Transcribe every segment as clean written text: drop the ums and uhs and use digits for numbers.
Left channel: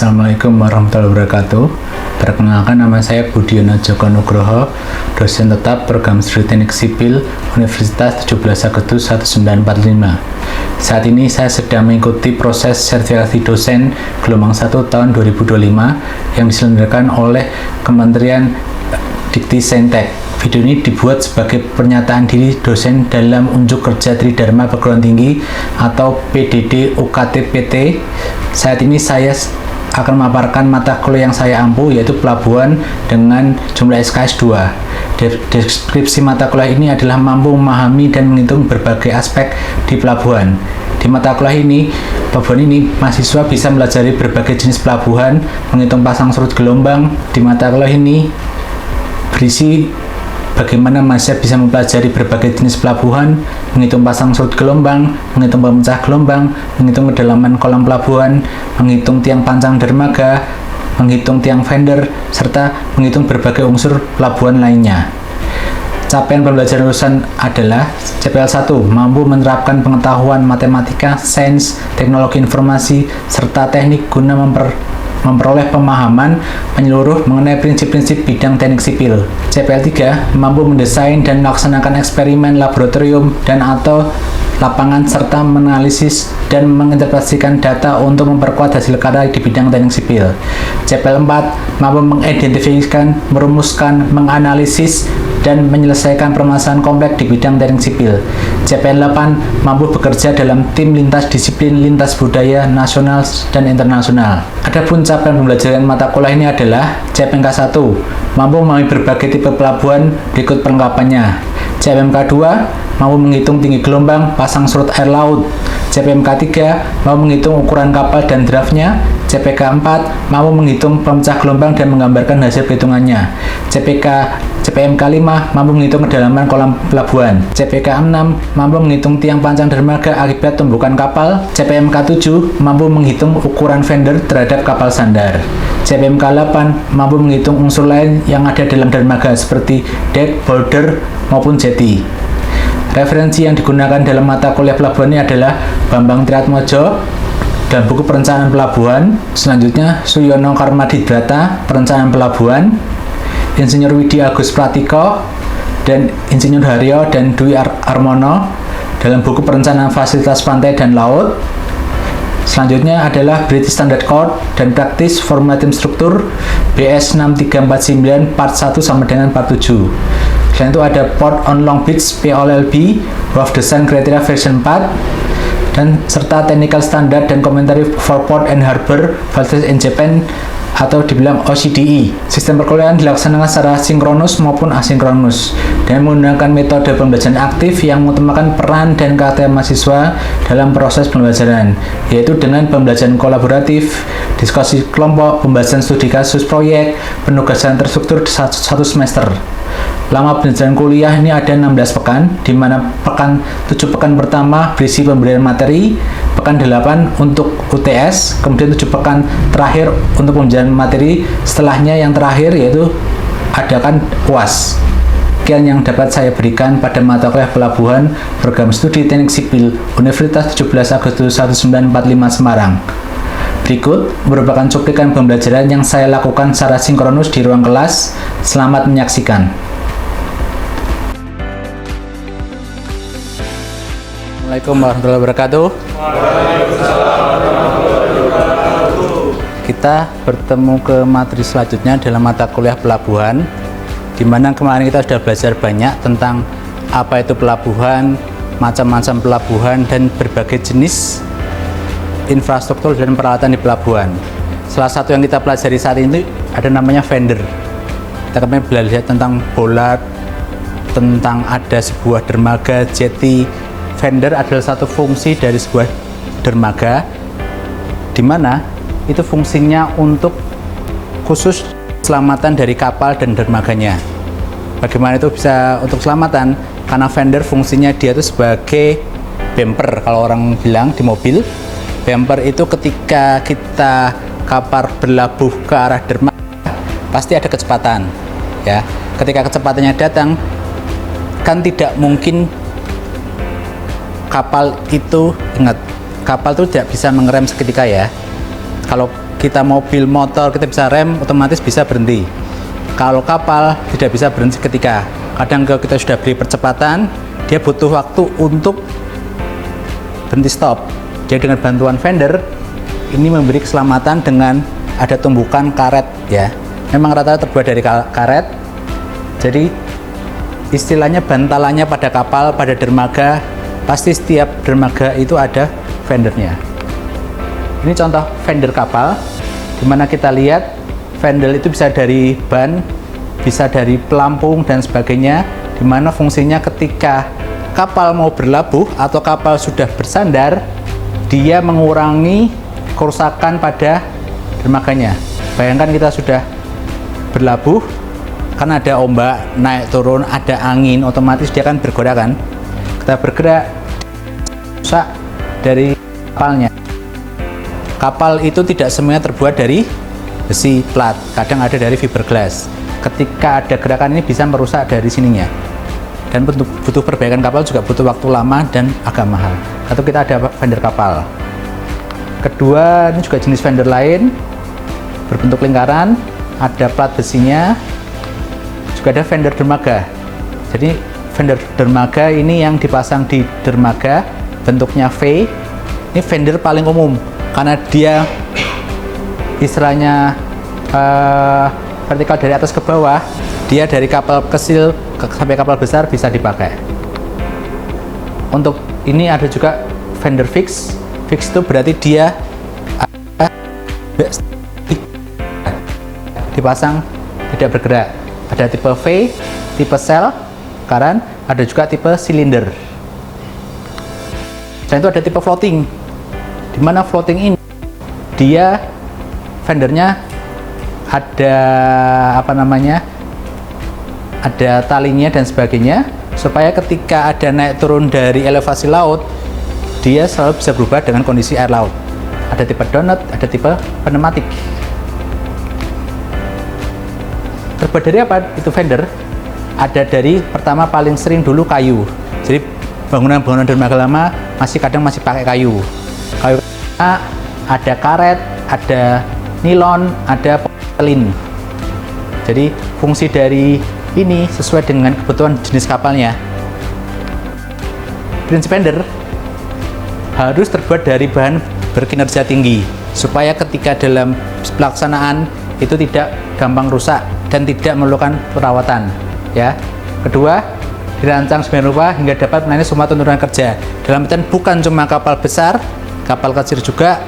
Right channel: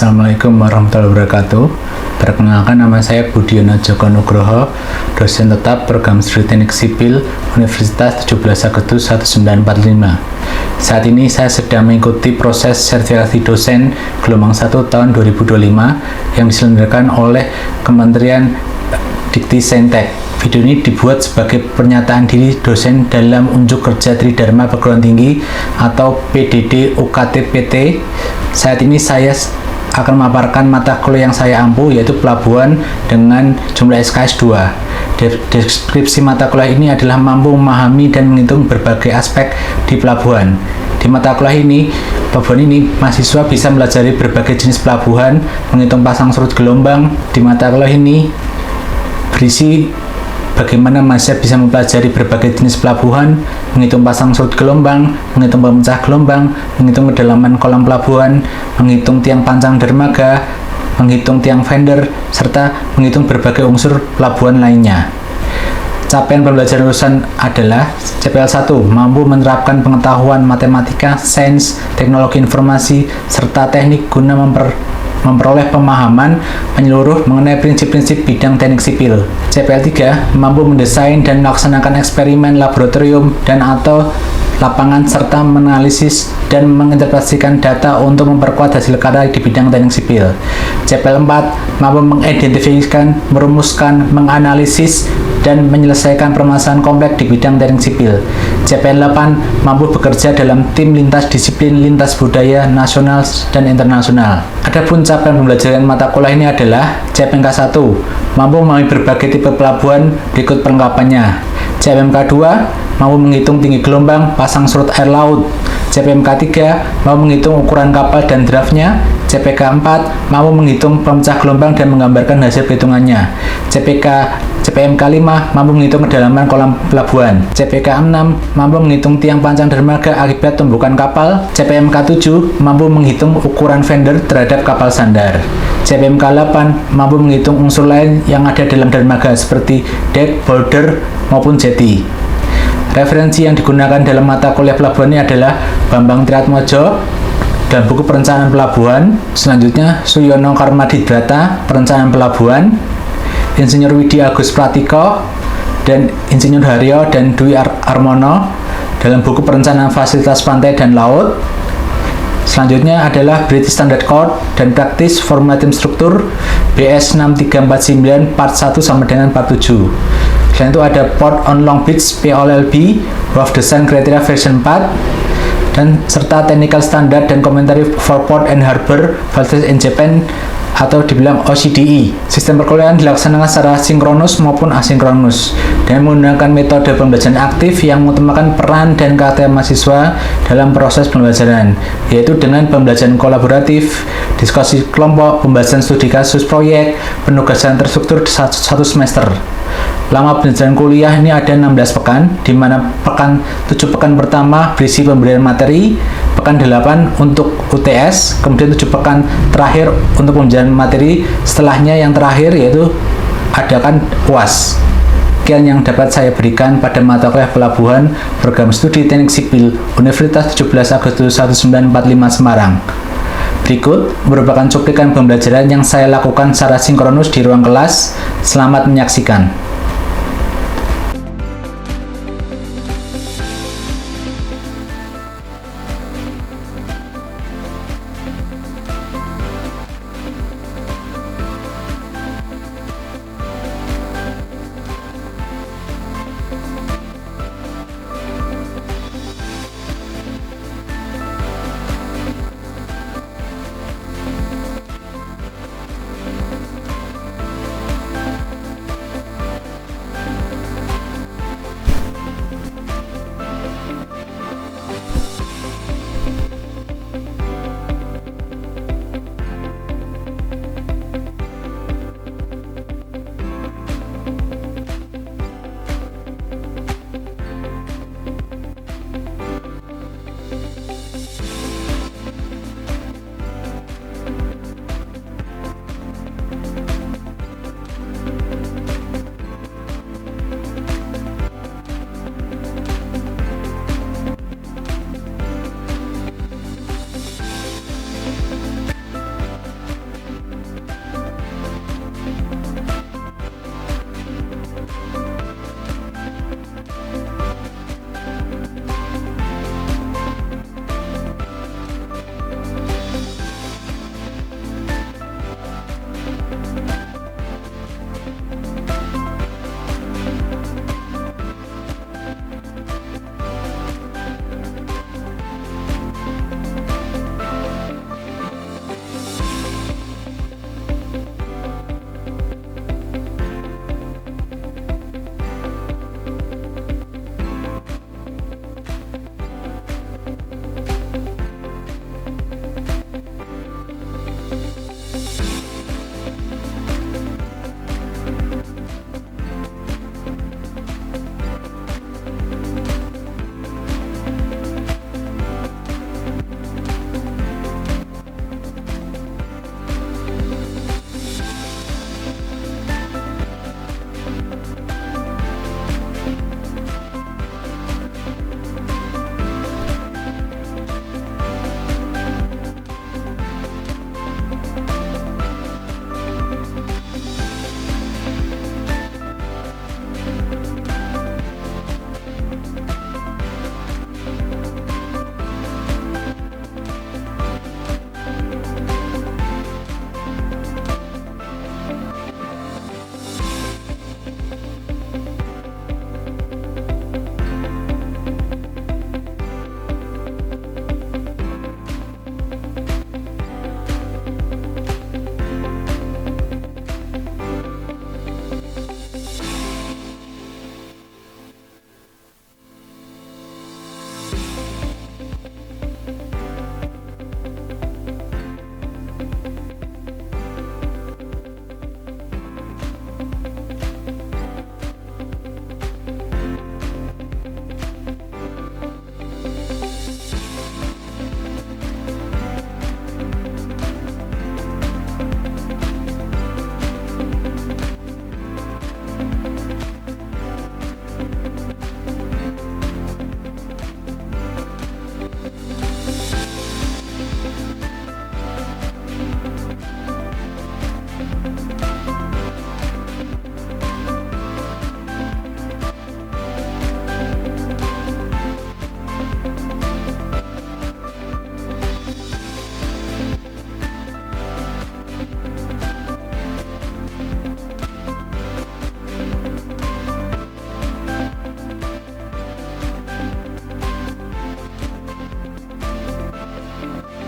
Assalamualaikum warahmatullahi wabarakatuh. Perkenalkan, nama saya Budiono Joko Nugroho, dosen tetap program studi teknik sipil Universitas 17 Agustus 1945. Saat ini saya sedang mengikuti proses sertifikasi dosen gelombang 1 tahun 2025 yang diselenggarakan oleh Kementerian Dikti Saintek. Video ini dibuat sebagai pernyataan diri dosen dalam unjuk kerja Tridharma Perguruan Tinggi atau PDD UKT PT. Saat ini saya akan memaparkan mata kuliah yang saya ampu, yaitu pelabuhan dengan jumlah SKS 2. Deskripsi mata kuliah ini adalah mampu memahami dan menghitung berbagai aspek di pelabuhan. Di mata kuliah ini, mahasiswa bisa mempelajari berbagai jenis pelabuhan, menghitung pasang surut gelombang. Di mata kuliah ini berisi bagaimana mahasiswa bisa mempelajari berbagai jenis pelabuhan, menghitung pasang surut gelombang, menghitung pemecah gelombang, menghitung kedalaman kolam pelabuhan, menghitung tiang pancang dermaga, menghitung tiang fender, serta menghitung berbagai unsur pelabuhan lainnya. Capaian pembelajaran lulusan adalah CPL 1, mampu menerapkan pengetahuan matematika, sains, teknologi informasi, serta teknik guna memperoleh pemahaman menyeluruh mengenai prinsip-prinsip bidang teknik sipil. CPL 3, mampu mendesain dan melaksanakan eksperimen laboratorium dan atau lapangan serta menganalisis dan menginterpretasikan data untuk memperkuat hasil karya di bidang teknik sipil. CPL 4, mampu mengidentifikasi, merumuskan, menganalisis, dan menyelesaikan permasalahan kompleks di bidang teknik sipil. CPL 8, mampu bekerja dalam tim lintas disiplin, lintas budaya, nasional dan internasional. Adapun capaian pembelajaran mata kuliah ini adalah CPMK 1, mampu memahami berbagai tipe pelabuhan, berikut perlengkapannya. CPMK 2, mampu menghitung tinggi gelombang, pasang surut air laut. CPMK 3, mampu menghitung ukuran kapal dan draftnya. CPK 4, mampu menghitung pemecah gelombang dan menggambarkan hasil perhitungannya. CPMK 5, mampu menghitung kedalaman kolam pelabuhan. CPK 6, mampu menghitung tiang pancang dermaga akibat tumbukan kapal. CPMK 7, mampu menghitung ukuran fender terhadap kapal sandar. CPMK 8, mampu menghitung unsur lain yang ada dalam dermaga seperti deck, boulder, maupun jetty. Referensi yang digunakan dalam mata kuliah pelabuhan ini adalah Bambang Triatmojo dan buku Perencanaan Pelabuhan. Selanjutnya Suyono Karmadidrata, Perencanaan Pelabuhan. Insinyur Widi Agus Pratiko dan Insinyur Haryo dan Dwi Armono dalam buku Perencanaan Fasilitas Pantai dan Laut. Selanjutnya adalah British Standard Code dan Practice Formatting Struktur BS 6349 Part 1 sama dengan Part 7. Selain itu ada Port on Long Beach POLLB Wharf Design Criteria Version 4 dan serta Technical Standard dan Commentary for Port and Harbor Facilities in Japan atau dibilang OCDE. Sistem perkuliahan dilaksanakan secara sinkronus maupun asinkronus dan menggunakan metode pembelajaran aktif yang mengutamakan peran dan karakter mahasiswa dalam proses pembelajaran, yaitu dengan pembelajaran kolaboratif, diskusi kelompok, pembahasan studi kasus proyek, penugasan terstruktur satu semester. Lama pembelajaran kuliah ini ada 16 pekan, di mana 7 pekan pertama berisi pemberian materi, pekan 8 untuk UTS, kemudian 7 pekan terakhir untuk pembelajaran materi, setelahnya yang terakhir yaitu adakan UAS. Sekian yang dapat saya berikan pada mata kuliah pelabuhan program studi teknik sipil Universitas 17 Agustus 1945 Semarang. Berikut merupakan cuplikan pembelajaran yang saya lakukan secara sinkronus di ruang kelas. Selamat menyaksikan. Assalamualaikum warahmatullahi wabarakatuh. Kita bertemu ke materi selanjutnya dalam mata kuliah pelabuhan, di mana kemarin kita sudah belajar banyak tentang apa itu pelabuhan, macam-macam pelabuhan, dan berbagai jenis infrastruktur dan peralatan di pelabuhan. Salah satu yang kita pelajari saat ini ada namanya fender. Kita kemarin belajar tentang bollard, tentang ada sebuah dermaga, jetty. Fender adalah satu fungsi dari sebuah dermaga, di mana itu fungsinya untuk khusus keselamatan dari kapal dan dermaganya. Bagaimana itu bisa untuk keselamatan? Karena fender fungsinya dia itu sebagai bumper, kalau orang bilang di mobil. Bumper itu ketika kita kapal berlabuh ke arah dermaga pasti ada kecepatan, ya. Ketika kecepatannya datang, kan tidak mungkin kapal itu, ingat, kapal itu tidak bisa mengerem seketika, ya. Kalau kita mobil, motor, kita bisa rem, otomatis bisa berhenti. Kalau kapal tidak bisa berhenti seketika. Kadang kalau kita sudah beri percepatan, dia butuh waktu untuk berhenti stop. Jadi dengan bantuan fender, ini memberi keselamatan dengan ada tumbukan karet ya. Memang rata-rata terbuat dari karet. Jadi istilahnya bantalannya pada kapal, pada dermaga, pasti setiap dermaga itu ada fendernya. Ini contoh fender kapal, dimana kita lihat fender itu bisa dari ban, bisa dari pelampung dan sebagainya, dimana fungsinya ketika kapal mau berlabuh atau kapal sudah bersandar, dia mengurangi kerusakan pada dermaganya. Bayangkan kita sudah berlabuh, kan ada ombak, naik turun, ada angin, otomatis dia akan bergerak kan. Kita bergerak, rusak dari kapalnya. Kapal itu tidak semuanya terbuat dari besi plat, kadang ada dari fiberglass. Ketika ada gerakan ini bisa merusak dari sininya. Dan butuh perbaikan kapal juga butuh waktu lama dan agak mahal. Atau kita ada fender kapal. Kedua, ini juga jenis fender lain, berbentuk lingkaran, ada plat besinya, juga ada fender dermaga. Jadi fender dermaga ini yang dipasang di dermaga, bentuknya V. Ini fender paling umum karena dia istilahnya vertikal dari atas ke bawah, dia dari kapal kecil sampai kapal besar bisa dipakai. Untuk ini ada juga fender fix. Fix itu berarti dia dipasang tidak bergerak. Ada tipe V, tipe sel, karan, ada juga tipe silinder. Dan itu ada tipe floating. Di mana floating ini dia fendernya ada ada talinya dan sebagainya, supaya ketika ada naik turun dari elevasi laut, dia selalu bisa berubah dengan kondisi air laut. Ada tipe donut, ada tipe pneumatik. Terbuat dari apa itu fender? Ada dari pertama paling sering dulu kayu. Jadi bangunan-bangunan dermaga lama kadang masih pakai kayu. Kayu ada karet, ada nilon, ada polyethylene. Jadi fungsi dari ini sesuai dengan kebutuhan jenis kapalnya. Prinsip fender harus terbuat dari bahan berkinerja tinggi supaya ketika dalam pelaksanaan itu tidak gampang rusak dan tidak memerlukan perawatan ya. Kedua, dirancang sedemikian rupa hingga dapat melayani semua tuntutan kerja. Dalam artian bukan cuma kapal besar, kapal kecil juga,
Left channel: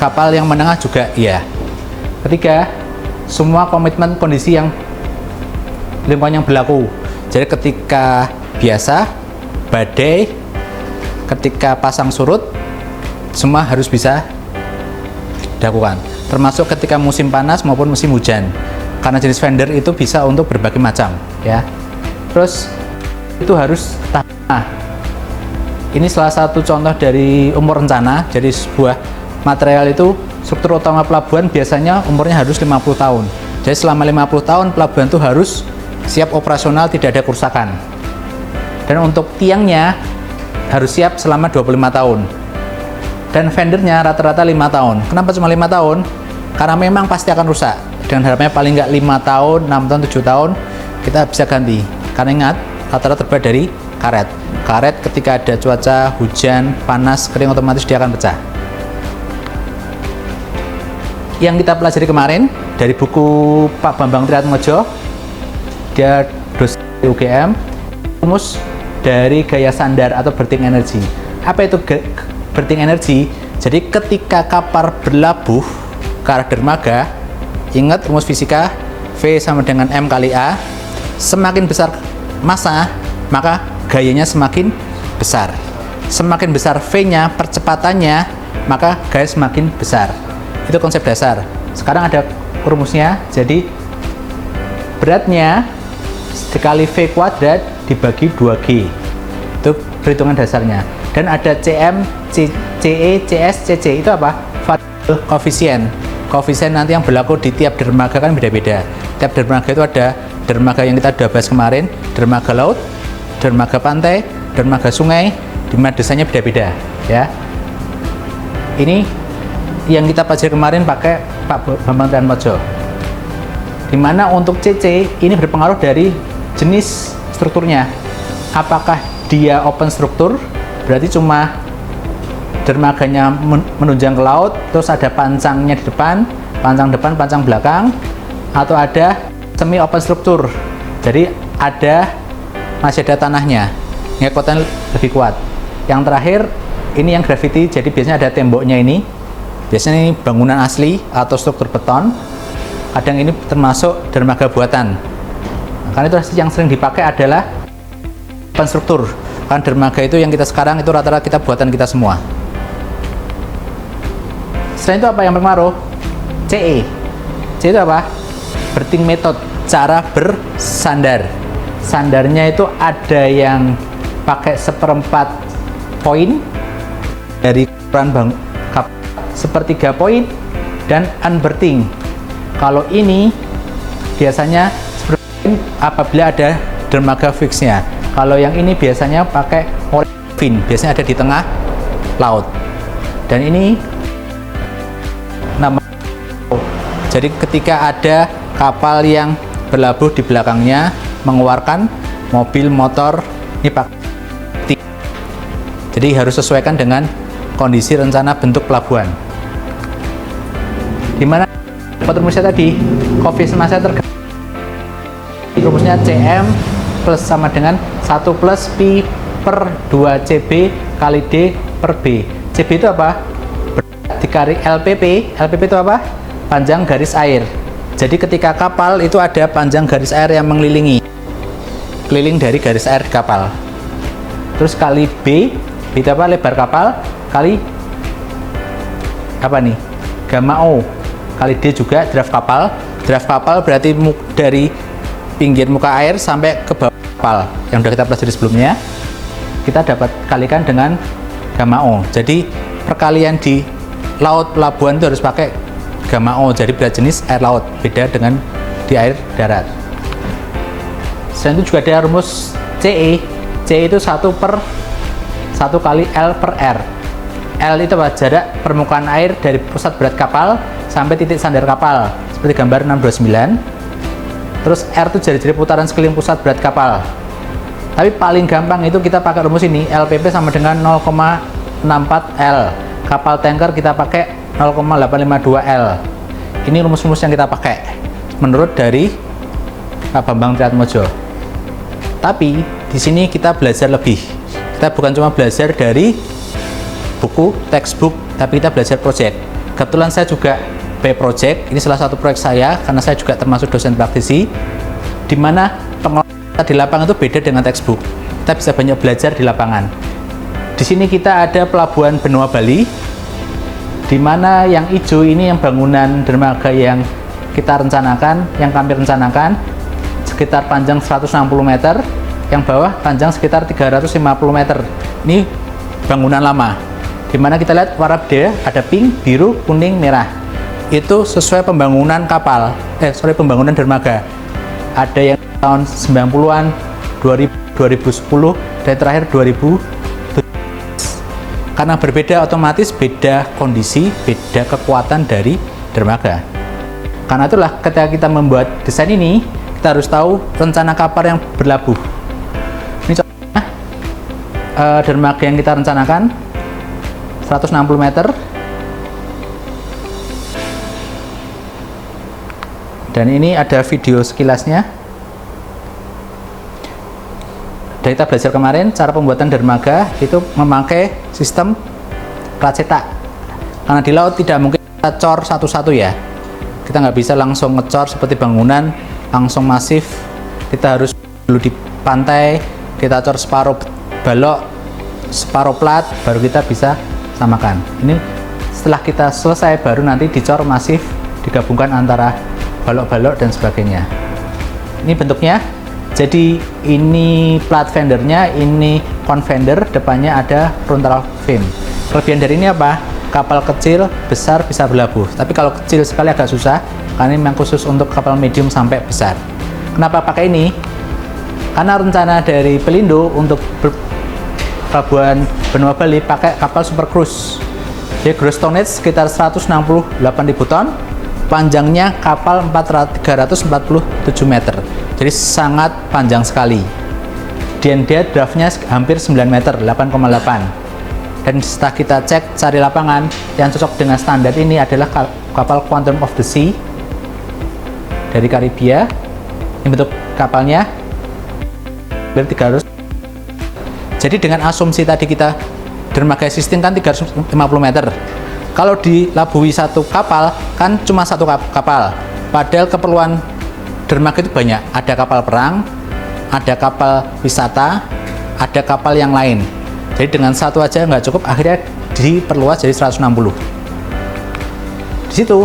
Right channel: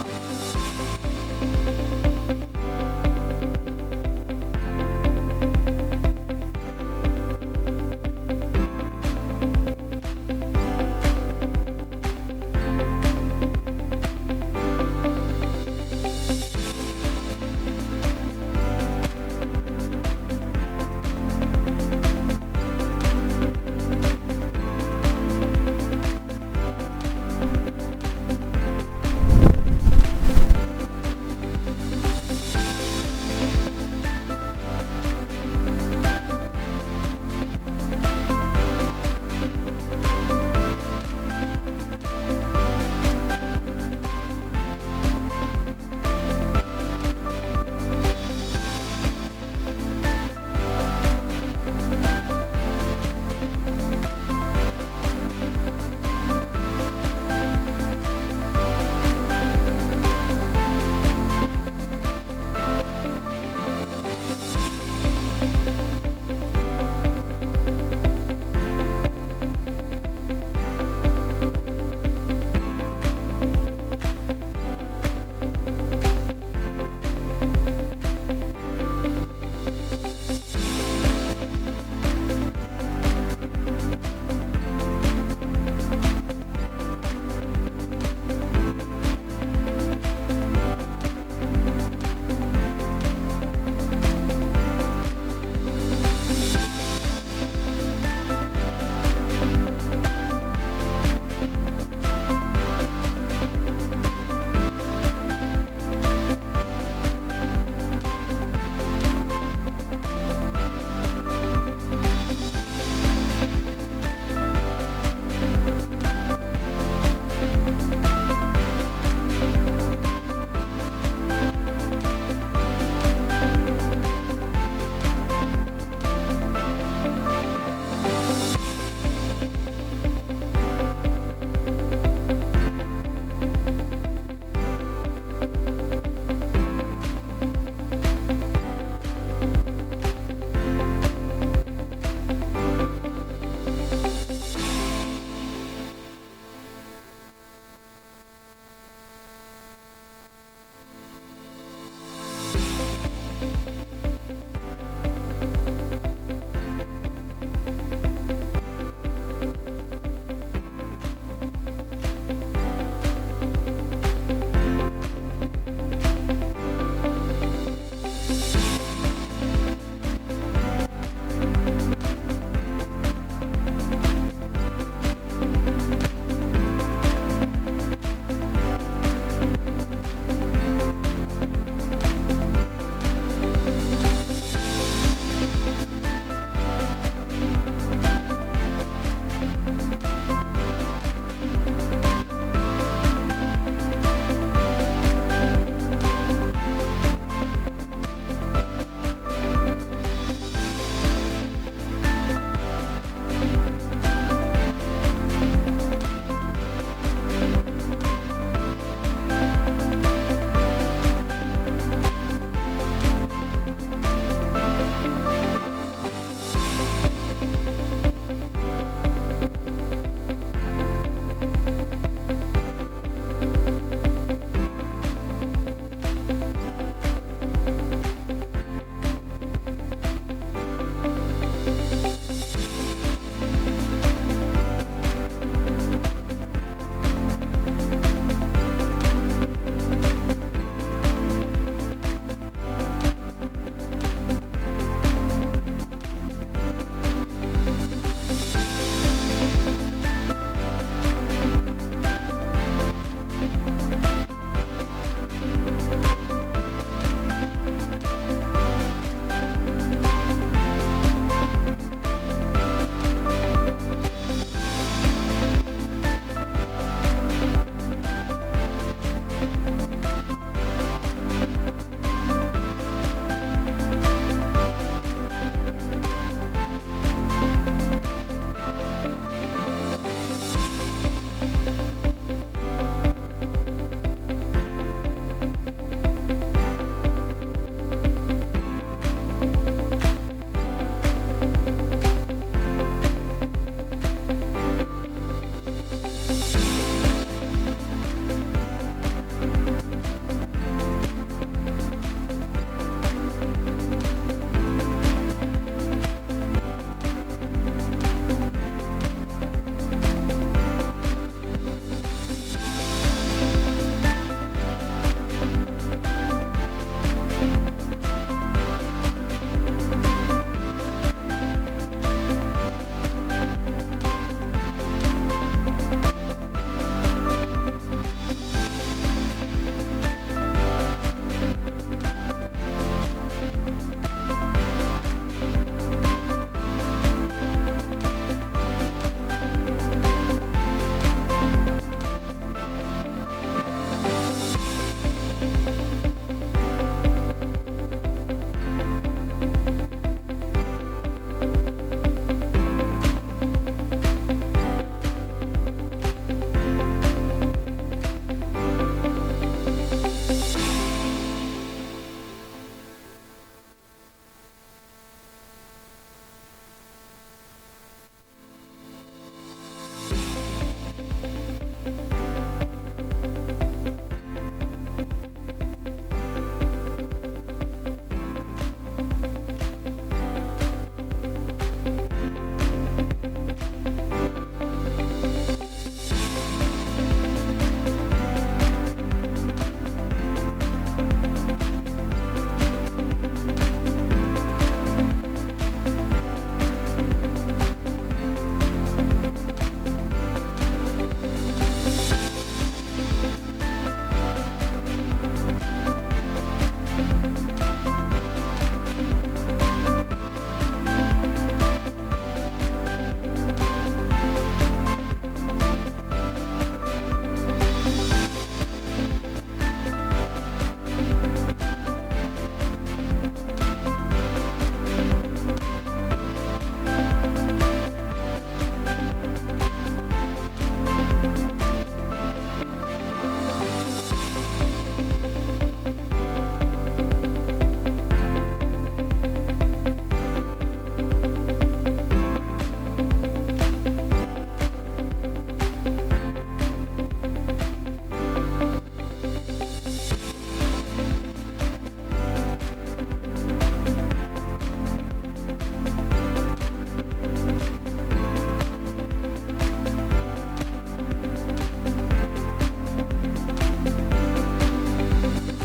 kapal yang menengah juga ya. Ketiga, semua komitmen kondisi yang lingkungan yang berlaku. Jadi ketika biasa, badai, ketika pasang surut, semua harus bisa dilakukan. Termasuk ketika musim panas maupun musim hujan. Karena jenis fender itu bisa untuk berbagai macam, ya. Terus itu harus tahan. Nah, ini salah satu contoh dari umur rencana. Jadi sebuah material itu struktur utama pelabuhan biasanya umurnya harus 50 tahun. Jadi selama 50 tahun pelabuhan itu harus siap operasional, tidak ada kerusakan. Dan untuk tiangnya harus siap selama 25 tahun. Dan fendernya rata-rata 5 tahun. Kenapa cuma 5 tahun? Karena memang pasti akan rusak. Dengan harapannya paling nggak 5 tahun, 6 tahun, 7 tahun kita bisa ganti. Karena ingat, rata-rata terbuat dari karet. Karet ketika ada cuaca, hujan, panas, kering, otomatis dia akan pecah. Yang kita pelajari kemarin dari buku Pak Bambang Triatmojo, dia dosen UGM, rumus dari gaya sandar atau berthing energy. Apa itu berthing energy? Jadi ketika kapal berlabuh ke arah dermaga, ingat rumus fisika, V sama dengan M kali A. Semakin besar massa, maka gayanya semakin besar. Semakin besar V-nya, percepatannya, maka gaya semakin besar. Itu konsep dasar. Sekarang ada rumusnya, jadi beratnya dikali V kuadrat dibagi 2G. Itu perhitungan dasarnya. Dan ada CM, CE, CS, CC. Itu apa? Variable koefisien. Koefisien nanti yang berlaku di tiap dermaga kan beda-beda. Tiap dermaga itu ada dermaga yang kita sudah bahas kemarin, dermaga laut, dermaga pantai, dermaga sungai, di mana desainnya beda-beda ya. Ini yang kita pelajari kemarin pakai Pak Bambang Triatmodjo. Dimana untuk CC ini berpengaruh dari jenis strukturnya. Apakah dia open struktur, berarti cuma dermaganya menunjang ke laut, terus ada pancangnya di depan, pancang belakang, atau ada semi open struktur, jadi masih ada tanahnya, ngekuatan lebih kuat. Yang terakhir ini yang gravity, jadi biasanya ada temboknya ini, biasanya ini bangunan asli atau struktur beton, kadang ini termasuk dermaga buatan. Karena itu yang sering dipakai adalah open struktur, kan dermaga itu yang kita sekarang itu rata-rata kita buatan kita semua. Selain itu apa yang berpengaruh? CE. CE itu apa? Berthing method, cara bersandar. Sandarnya itu ada yang pakai 1/4 poin dari ukuran sepertiga poin dan unberthing. Kalau ini biasanya apabila ada dermaga fixnya. Kalau yang ini biasanya pakai fin, biasanya ada di tengah laut. Dan ini jadi ketika ada kapal yang berlabuh di belakangnya mengeluarkan mobil motor ini pakai, jadi harus sesuaikan dengan kondisi rencana bentuk pelabuhan. Dimana rumusnya tadi koefisiennya tergantung, rumusnya CM plus sama dengan 1 plus Pi per 2 CB kali D per B. CB itu apa? Dikali LPP. LPP itu apa? Panjang garis air. Jadi ketika kapal itu ada panjang garis air yang mengelilingi, keliling dari garis air kapal. Terus kali B itu apa? Lebar kapal kali apa nih? Gamma O kali D juga draft kapal. Draft kapal berarti dari pinggir muka air sampai ke bawah kapal yang sudah kita pelajari sebelumnya. Kita dapat kalikan dengan gamma O. Jadi perkalian di laut pelabuhan itu harus pakai gamma O, jadi beda jenis air laut, beda dengan di air darat. Selain itu juga ada rumus CE. CE itu 1 kali L per R. L itu apa? Jarak permukaan air dari pusat berat kapal sampai titik sandar kapal, seperti gambar 629. Terus R itu jari-jari putaran sekeliling pusat berat kapal. Tapi paling gampang itu kita pakai rumus ini, LPP sama dengan 0,64 L. Kapal tanker kita pakai 0,852 L. Ini rumus-rumus yang kita pakai menurut dari Pak Bambang Triatmodjo. Tapi di sini kita belajar lebih. Kita bukan cuma belajar dari buku, textbook, tapi kita belajar project. Kebetulan saya juga project. Ini salah satu proyek saya karena saya juga termasuk dosen praktisi, di mana pengolahan di lapangan itu beda dengan textbook. Kita bisa banyak belajar di lapangan. Di sini kita ada pelabuhan Benua Bali, di mana yang hijau ini yang bangunan dermaga yang kita rencanakan, yang kami rencanakan sekitar panjang 160 meter, yang bawah panjang sekitar 350 meter. Ini bangunan lama, di mana kita lihat warna beda, ada pink, biru, kuning, merah. Itu sesuai pembangunan kapal, pembangunan dermaga. Ada yang tahun 90-an, 2010, dan terakhir 2000. Karena berbeda, otomatis beda kondisi, beda kekuatan dari dermaga. Karena itulah ketika kita membuat desain ini, kita harus tahu rencana kapal yang berlabuh. Ini contohnya dermaga yang kita rencanakan 160 meter. Dan ini ada video sekilasnya. Dan kita belajar kemarin, cara pembuatan dermaga itu memakai sistem plat cetak. Karena di laut tidak mungkin kita cor satu-satu ya. Kita nggak bisa langsung ngecor seperti bangunan, langsung masif. Kita harus dulu di pantai, kita cor separuh balok, separuh plat, baru kita bisa samakan. Ini setelah kita selesai, baru nanti dicor masif, digabungkan antara balok-balok dan sebagainya. Ini bentuknya. Jadi ini plat fendernya, ini confender, depannya ada frontal fin. Kelebihan dari ini apa? Kapal kecil, besar bisa berlabuh. Tapi kalau kecil sekali agak susah, karena ini memang khusus untuk kapal medium sampai besar. Kenapa pakai ini? Karena rencana dari Pelindo untuk pelabuhan Benua Bali pakai kapal super cruise. Jadi gross tonnage sekitar 168.000 ton, panjangnya kapal 347 meter, jadi sangat panjang sekali. Dan dia draftnya hampir 9 meter, 8,8. Dan setelah kita cek cari lapangan yang cocok dengan standar ini adalah kapal Quantum of the Sea dari Karibia. Ini bentuk kapalnya 300. Jadi dengan asumsi tadi kita dermaga existing kan 350 meter. Kalau dilabui satu kapal kan cuma satu kapal. Padahal keperluan dermaga itu banyak. Ada kapal perang, ada kapal wisata, ada kapal yang lain. Jadi dengan satu aja nggak cukup, akhirnya diperluas jadi 160. Di situ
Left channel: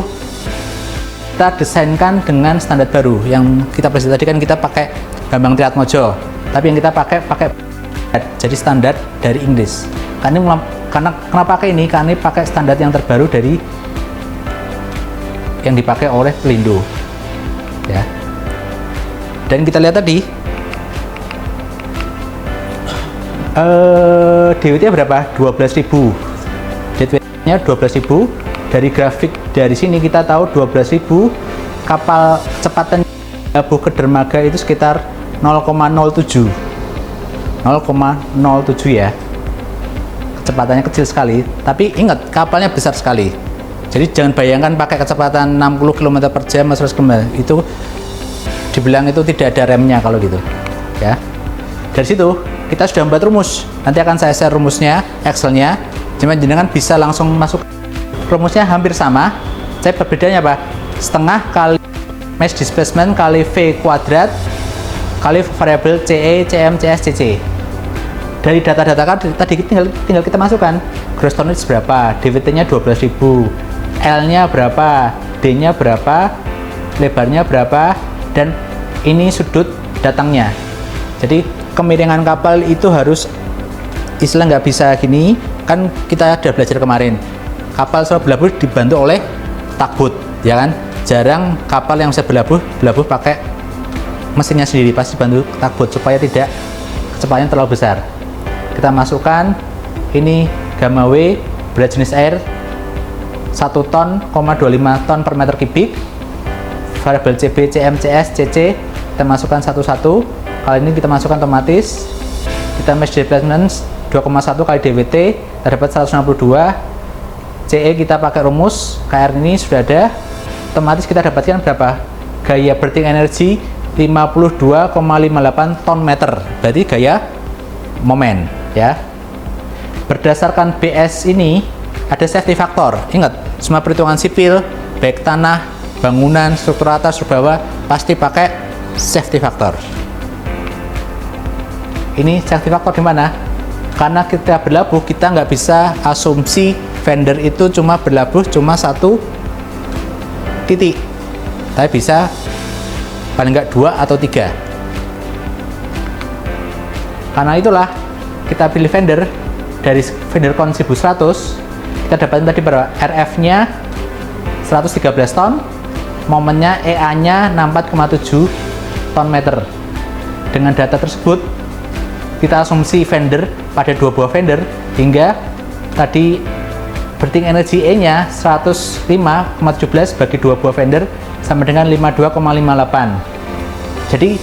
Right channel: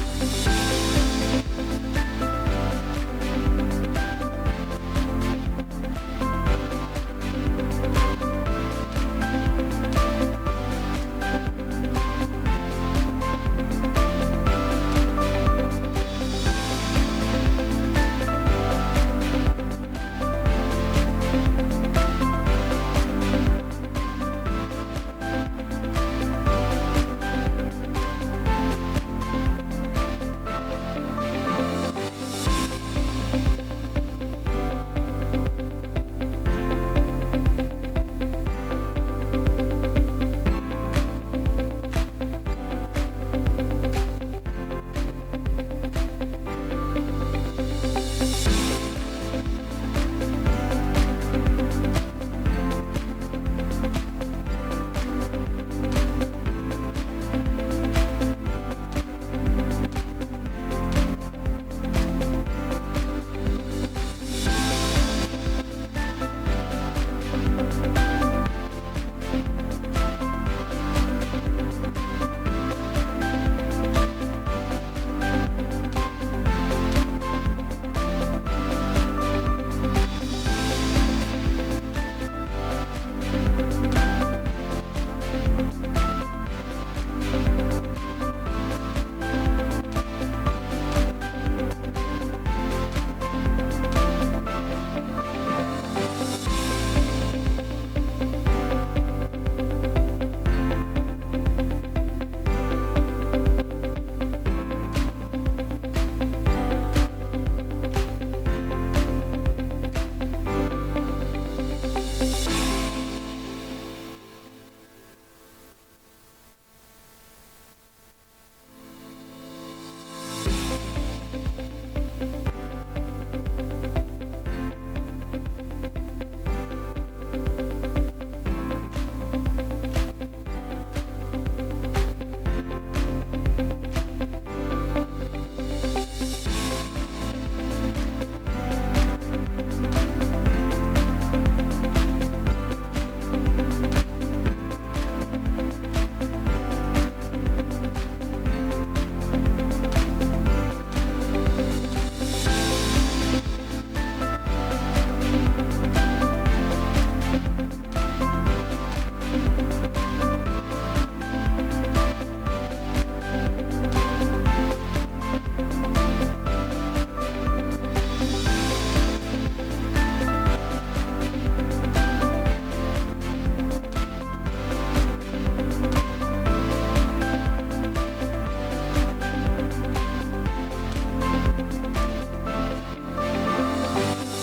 kita desainkan dengan standar baru yang kita presentasi tadi kan kita pakai Bambang Triatmojo, tapi yang kita pakai jadi standar dari Inggris. Karena kenapa pakai ini? Karena ini pakai standar yang terbaru dari yang dipakai oleh Pelindo. Ya. Dan kita lihat tadi DWT berapa? 12.000. DWT-nya 12.000. Dari grafik dari sini kita tahu 12.000 kapal cepatan labuh ke dermaga itu sekitar 0,07 ya. Kecepatannya kecil sekali, tapi ingat kapalnya besar sekali. Jadi jangan bayangkan pakai kecepatan 60 km per jam 100 km, itu dibilang itu tidak ada remnya kalau gitu ya. Dari situ kita sudah membuat rumus, nanti akan saya share rumusnya, Excelnya. Cuma jenengan bisa langsung masuk, rumusnya hampir sama. Saya perbedaannya apa? Setengah kali mass displacement kali V kuadrat kali variabel CE, CM, CS, CC. Dari data-data kan tadi tinggal kita masukkan gross tonnage berapa, DWT-nya 12.000, L-nya berapa, D-nya berapa, lebarnya berapa, dan ini sudut datangnya. Jadi kemiringan kapal itu harus istilah nggak bisa gini, kan kita udah belajar kemarin. Kapal selalu berlabuh dibantu oleh tugboat, ya kan? Jarang kapal yang bisa berlabuh pakai mesinnya sendiri, pasti bantu tugboat supaya tidak kecepatannya terlalu besar. Kita masukkan ini gamma W, berat jenis air 1 ton, 25 ton per meter kubik, variabel CB, CM, CS, CC kita masukkan satu-satu. Kali ini kita masukkan otomatis, kita mass displacement 2,1 kali DWT, kita dapat 162. CE kita pakai rumus, KR ini sudah ada, otomatis kita dapatkan berapa? Gaya berting energi 52,58 ton meter, berarti gaya momen ya. Berdasarkan BS ini ada safety factor. Ingat, semua perhitungan sipil baik tanah, bangunan, struktur atas, struktur bawah pasti pakai safety factor. Ini safety factor di mana? Karena kita berlabuh, kita nggak bisa asumsi vendor itu cuma berlabuh cuma satu titik, tapi bisa paling nggak 2 atau 3. Karena itulah kita pilih vendor dari vendor kon 1100. Kita dapat tadi berapa? RF-nya 113 ton, momennya EA-nya 64,7 ton meter. Dengan data tersebut kita asumsi vendor pada 2 buah vendor, hingga tadi berting energi E-nya 105,17 bagi 2 buah vendor sama dengan 52,58. Jadi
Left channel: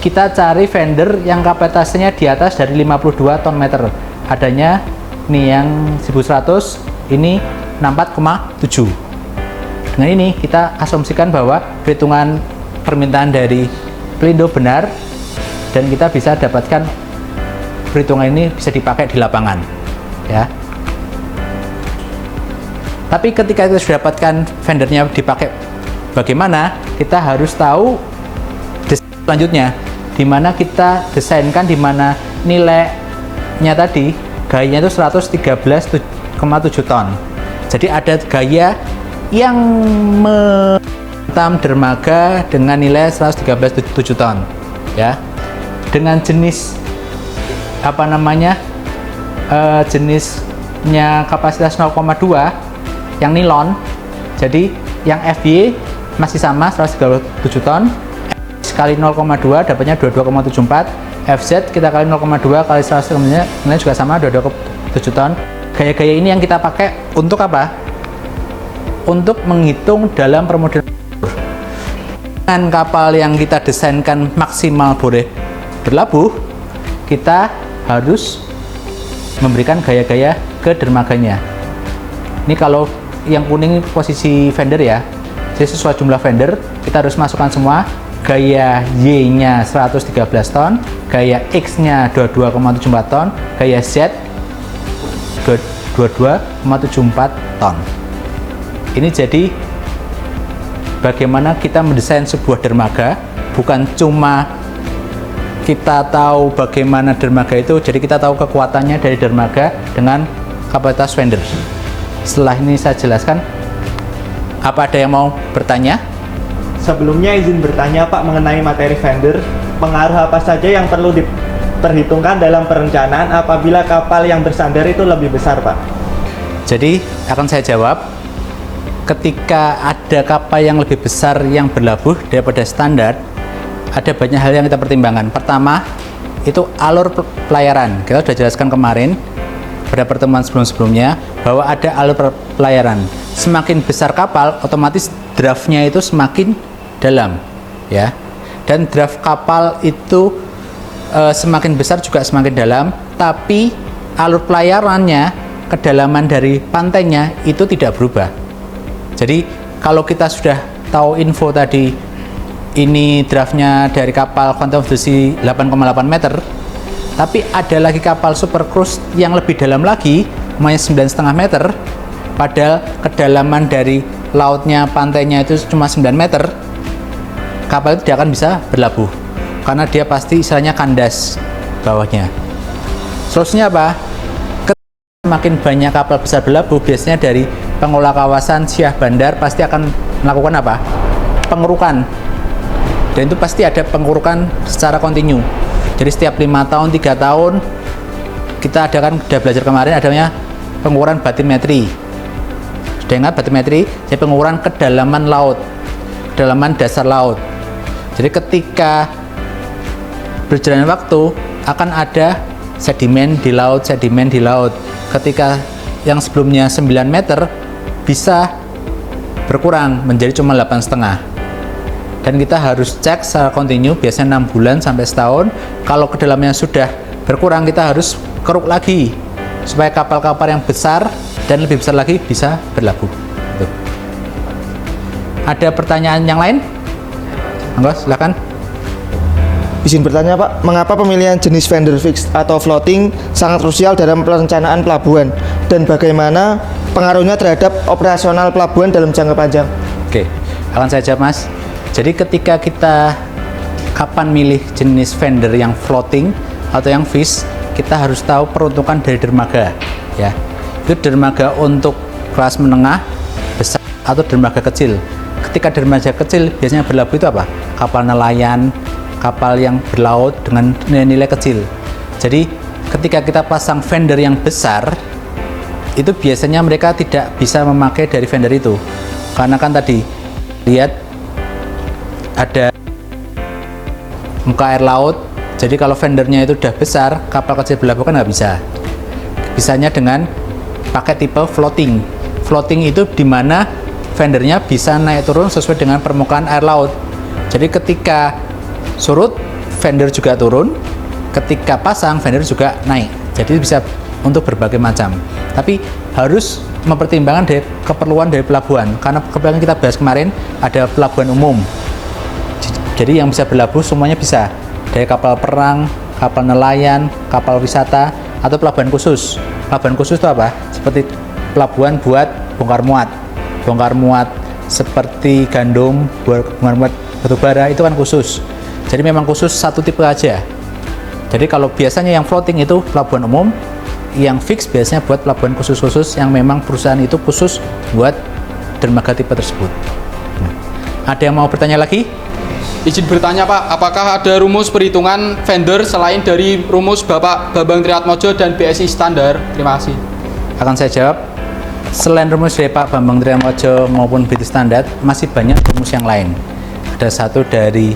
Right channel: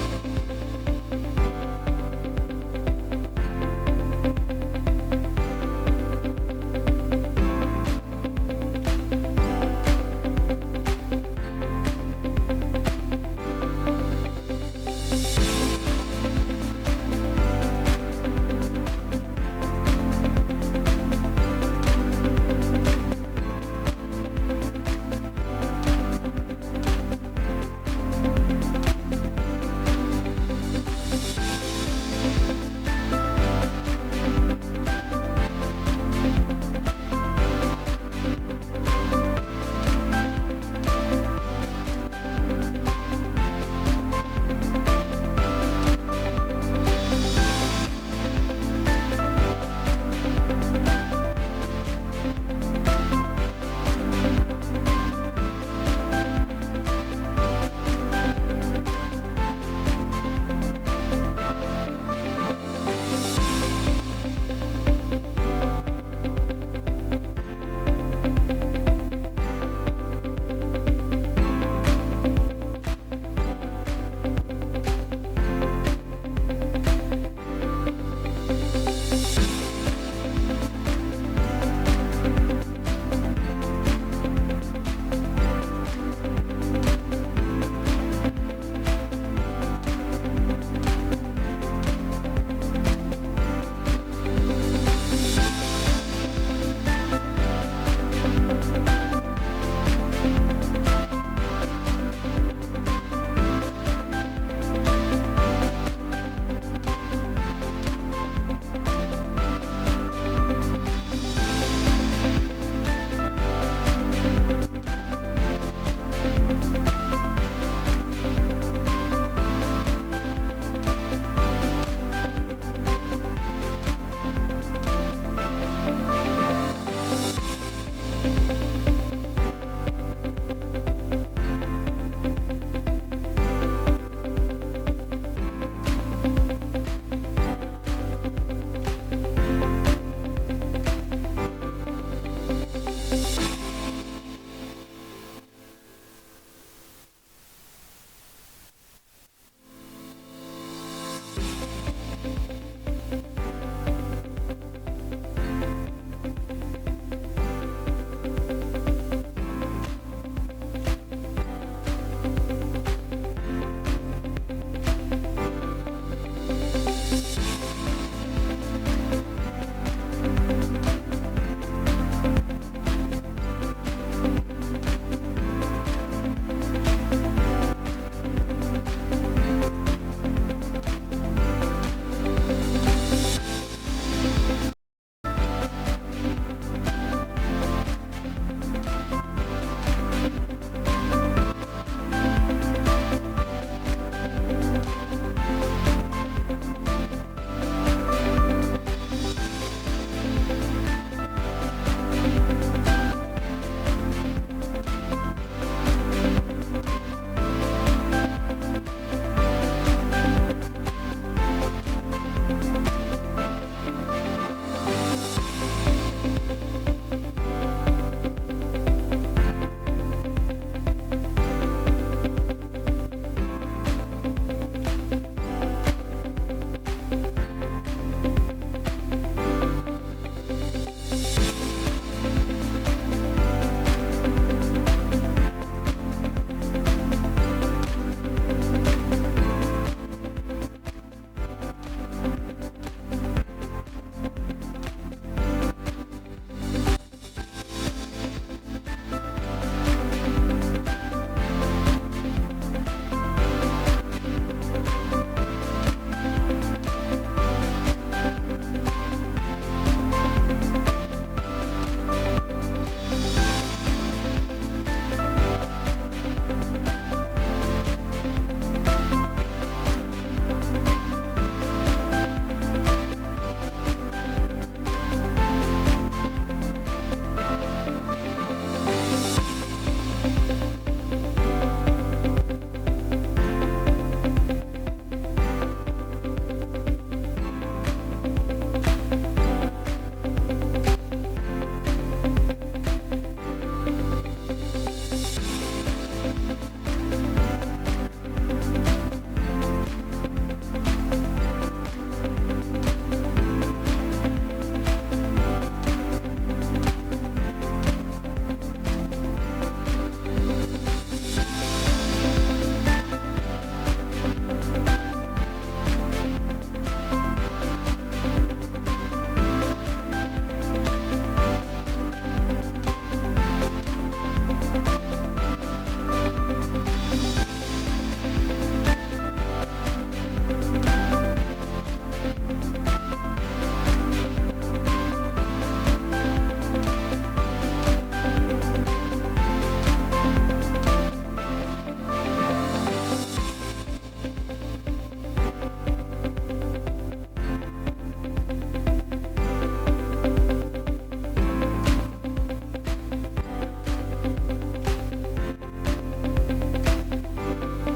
kita cari vendor yang kapasitasnya di atas dari 52 ton meter. Adanya nih yang 1100, ini 64,7. Dengan ini kita asumsikan bahwa perhitungan permintaan dari Pelindo benar, dan kita bisa dapatkan perhitungan ini bisa dipakai di lapangan ya. Tapi ketika kita sudah dapatkan vendornya dipakai bagaimana, kita harus tahu desain selanjutnya, di mana kita desainkan, di mana nilainya tadi gayanya itu 113,7 ton. Jadi ada gaya yang menghantam dermaga dengan nilai 113,7 ton ya, dengan jenis apa namanya, jenisnya kapasitas 0,2 yang nilon. Jadi yang FY masih sama 137 ton, kali 0,2 dapatnya 22,74. FZ kita kali 0,2 kali 100 juga sama 22,7 ton. Gaya-gaya ini yang kita pakai untuk apa? Untuk menghitung dalam permodalan. Dengan kapal yang kita desainkan maksimal boleh berlabuh, kita harus memberikan gaya-gaya ke dermaganya. Ini kalau yang kuning posisi fender ya, jadi sesuai jumlah fender kita harus masukkan semua. Gaya Y-nya 113 ton, gaya X-nya 22,74 ton, gaya Z 22,74 ton. Ini jadi bagaimana kita mendesain sebuah dermaga, bukan cuma kita tahu bagaimana dermaga itu, jadi kita tahu kekuatannya dari dermaga dengan kapasitas fender. Setelah ini saya jelaskan, apa ada yang mau bertanya? Sebelumnya izin bertanya Pak mengenai materi fender, pengaruh apa saja yang perlu diperhitungkan dalam perencanaan apabila kapal yang bersandar itu lebih besar Pak? Jadi akan saya jawab, ketika ada kapal yang lebih besar yang berlabuh daripada standar, ada banyak hal yang kita pertimbangkan. Pertama, itu alur pelayaran. Kita sudah jelaskan kemarin pada pertemuan sebelum-sebelumnya bahwa ada alur pelayaran. Semakin besar kapal, otomatis draftnya itu semakin dalam, ya. Dan draft kapal itu semakin besar juga semakin dalam, tapi alur pelayarannya, kedalaman dari pantainya itu tidak berubah. Jadi kalau kita sudah tahu info tadi, ini draftnya dari kapal Quantum of the Sea 8,8 meter, tapi ada lagi kapal super cruise yang lebih dalam lagi, namanya 9,5 meter, padahal kedalaman dari lautnya, pantainya itu cuma 9 meter, kapal itu tidak akan bisa berlabuh karena dia pasti istilahnya kandas bawahnya. Solusinya apa? Semakin banyak kapal besar berlabuh, biasanya dari pengelola kawasan Syah Bandar pasti akan melakukan apa? Pengurukan. Dan itu pasti ada pengurukan secara kontinu. Jadi setiap 5 tahun, 3 tahun kita adakan, sudah belajar kemarin, adanya pengukuran batimetri. Sudah ingat batimetri? Jadi pengukuran kedalaman laut, kedalaman dasar laut. Jadi ketika berjalan waktu akan ada sedimen di laut, sedimen di laut. Ketika yang sebelumnya 9 meter bisa berkurang menjadi cuma 8,5. Dan kita harus cek secara kontinu, biasanya 6 bulan sampai setahun. Kalau kedalamannya sudah berkurang, kita harus keruk lagi supaya kapal-kapal yang besar dan lebih besar lagi bisa berlabuh. Ada pertanyaan yang lain? Monggo, silakan. Izin bertanya Pak, mengapa pemilihan jenis fender fixed atau floating sangat krusial dalam perencanaan pelabuhan dan bagaimana pengaruhnya terhadap operasional pelabuhan dalam jangka panjang? Oke, akan saya jawab Mas. Jadi ketika kita kapan milih jenis fender yang floating atau yang fixed, kita harus tahu peruntukan dari dermaga, ya. Itu dermaga untuk kelas menengah, besar atau dermaga kecil. Ketika dermaga kecil biasanya berlabuh itu apa? Kapal nelayan, kapal yang berlaut dengan nilai-nilai kecil. Jadi ketika kita pasang fender yang besar, itu biasanya mereka tidak bisa memakai dari fender itu, karena kan tadi lihat ada muka air laut. Jadi kalau fendernya itu udah besar, kapal kecil berlabuh kan nggak bisa. Bisanya dengan pakai tipe floating. Floating itu dimana fendernya bisa naik turun sesuai dengan permukaan air laut. Jadi ketika surut, fender juga turun. Ketika pasang, fender juga naik. Jadi bisa untuk berbagai macam. Tapi harus mempertimbangkan dari keperluan dari pelabuhan. Karena kebetulan kita bahas kemarin ada pelabuhan umum. Jadi yang bisa berlabuh semuanya bisa. Dari kapal perang, kapal nelayan, kapal wisata, atau pelabuhan khusus. Pelabuhan khusus itu apa? Seperti pelabuhan buat bongkar muat. Bongkar muat seperti gandum, bongkar muat batubara itu kan khusus. Jadi memang khusus satu tipe aja. Jadi kalau biasanya yang floating itu pelabuhan umum, yang fix biasanya buat pelabuhan khusus-khusus yang memang perusahaan itu khusus buat dermaga tipe tersebut. Ada yang mau bertanya lagi? Izin bertanya Pak, apakah ada rumus perhitungan fender selain dari rumus Bapak Bambang Triatmojo dan BSI standar? Terima kasih. Akan saya jawab. Selain rumus dari Pak Bambang Triatmojo maupun BSI standar, masih banyak rumus yang lain. Ada satu dari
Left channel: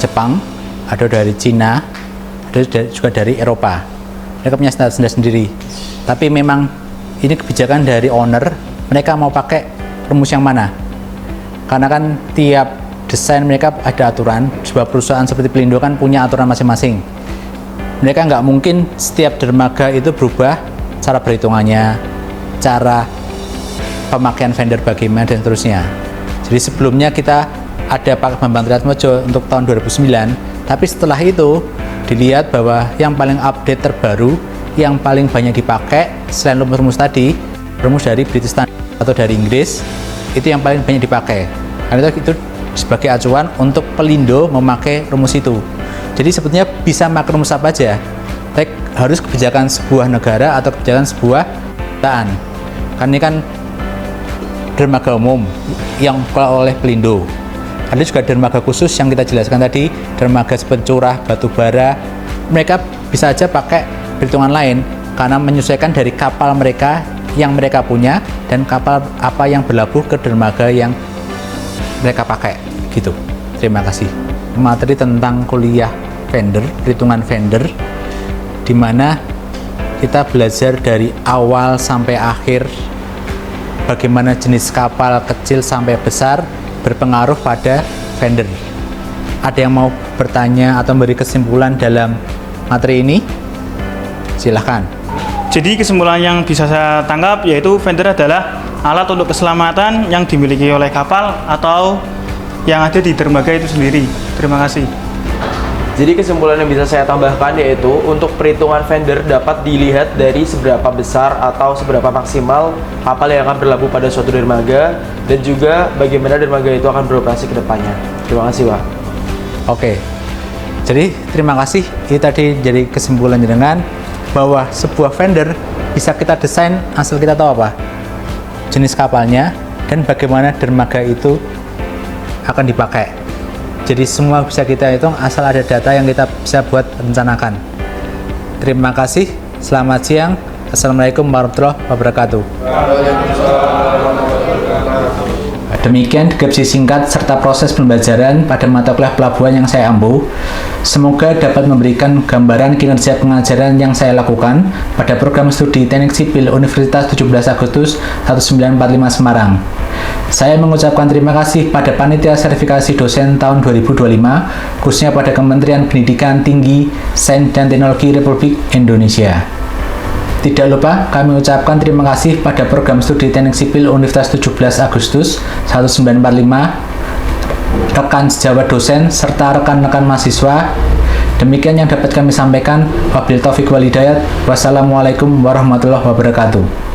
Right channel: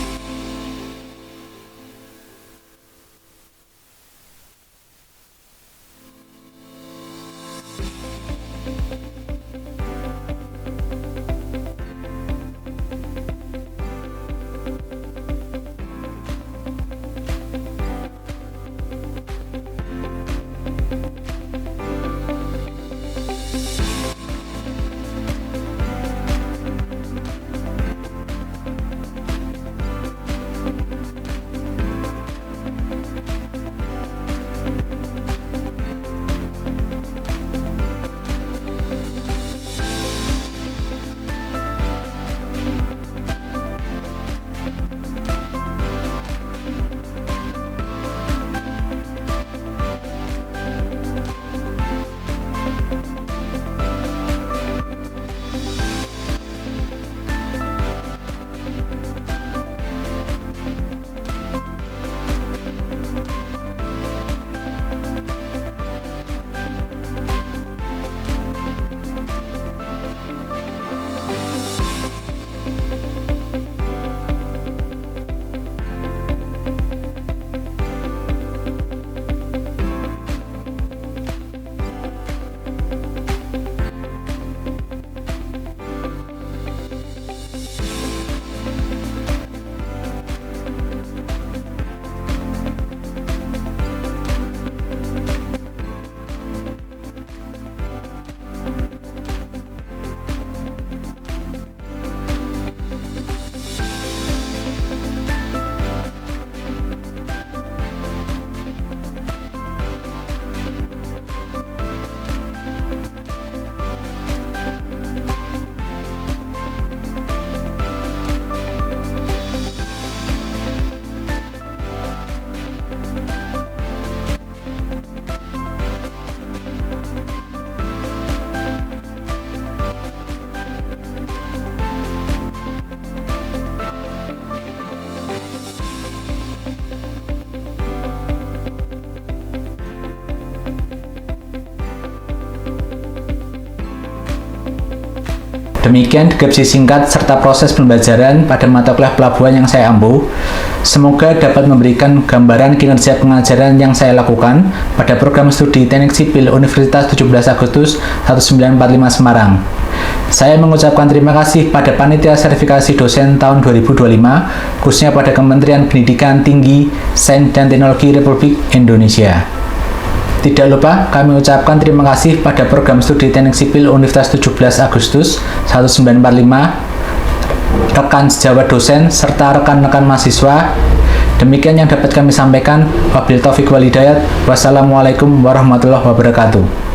Jepang, ada dari Cina, ada juga dari Eropa. Mereka punya standar sendiri. Tapi memang ini kebijakan dari owner, mereka mau pakai rumus yang mana. Karena kan tiap desain mereka ada aturan, sebuah perusahaan seperti Pelindo kan punya aturan masing-masing. Mereka nggak mungkin setiap dermaga itu berubah cara perhitungannya, cara pemakaian vendor bagaimana dan seterusnya. Jadi sebelumnya kita ada Pak Bambang Triatmojo untuk tahun 2009, tapi setelah itu dilihat bahwa yang paling update terbaru, yang paling banyak dipakai selain rumus-rumus tadi, rumus dari British Standard atau dari Inggris, itu yang paling banyak dipakai. Karena itu sebagai acuan untuk Pelindo memakai rumus itu. Jadi sebetulnya bisa pakai rumus apa aja, baik harus kebijakan sebuah negara atau kebijakan sebuah perusahaan. Karena ini kan dermaga umum yang dikelola oleh Pelindo. Ada juga dermaga khusus yang kita jelaskan tadi, dermaga seperti curah, batu bara, mereka bisa aja pakai perhitungan lain karena menyesuaikan dari kapal mereka yang mereka punya dan kapal apa yang berlabuh ke dermaga yang mereka pakai gitu. Terima kasih. Materi tentang kuliah vendor, perhitungan vendor, di mana kita belajar dari awal sampai akhir bagaimana jenis kapal kecil sampai besar berpengaruh pada vendor. Ada yang mau bertanya atau memberi kesimpulan dalam materi ini? Silahkan. Jadi kesimpulan yang bisa saya tangkap yaitu vendor adalah alat untuk keselamatan yang dimiliki oleh kapal atau yang ada di dermaga itu sendiri. Terima kasih. Jadi kesimpulan yang bisa saya tambahkan yaitu untuk perhitungan vendor dapat dilihat dari seberapa besar atau seberapa maksimal kapal yang akan berlabuh pada suatu dermaga dan juga bagaimana dermaga itu akan beroperasi ke depannya. Terima kasih, Pak. Oke. Jadi terima kasih. Ini tadi jadi kesimpulan dengan bahwa sebuah vendor bisa kita desain asal kita tahu apa jenis kapalnya dan bagaimana dermaga itu akan dipakai. Jadi semua bisa kita hitung asal ada data yang kita bisa buat rencanakan. Terima kasih. Selamat siang. Assalamualaikum warahmatullahi wabarakatuh. Demikian deskripsi singkat serta proses pembelajaran pada mata kuliah pelabuhan yang saya ampu. Semoga dapat memberikan gambaran kinerja pengajaran yang saya lakukan pada program studi Teknik Sipil Universitas 17 Agustus 1945 Semarang. Saya mengucapkan terima kasih pada Panitia Sertifikasi Dosen tahun 2025, khususnya pada Kementerian Pendidikan Tinggi, Sains dan Teknologi Republik Indonesia. Tidak lupa kami ucapkan terima kasih pada program studi Teknik Sipil Universitas 17 Agustus 1945, rekan sejawat dosen, serta rekan-rekan mahasiswa. Demikian yang dapat kami sampaikan. Wabillahi taufiq wal hidayah. Wassalamualaikum warahmatullahi wabarakatuh.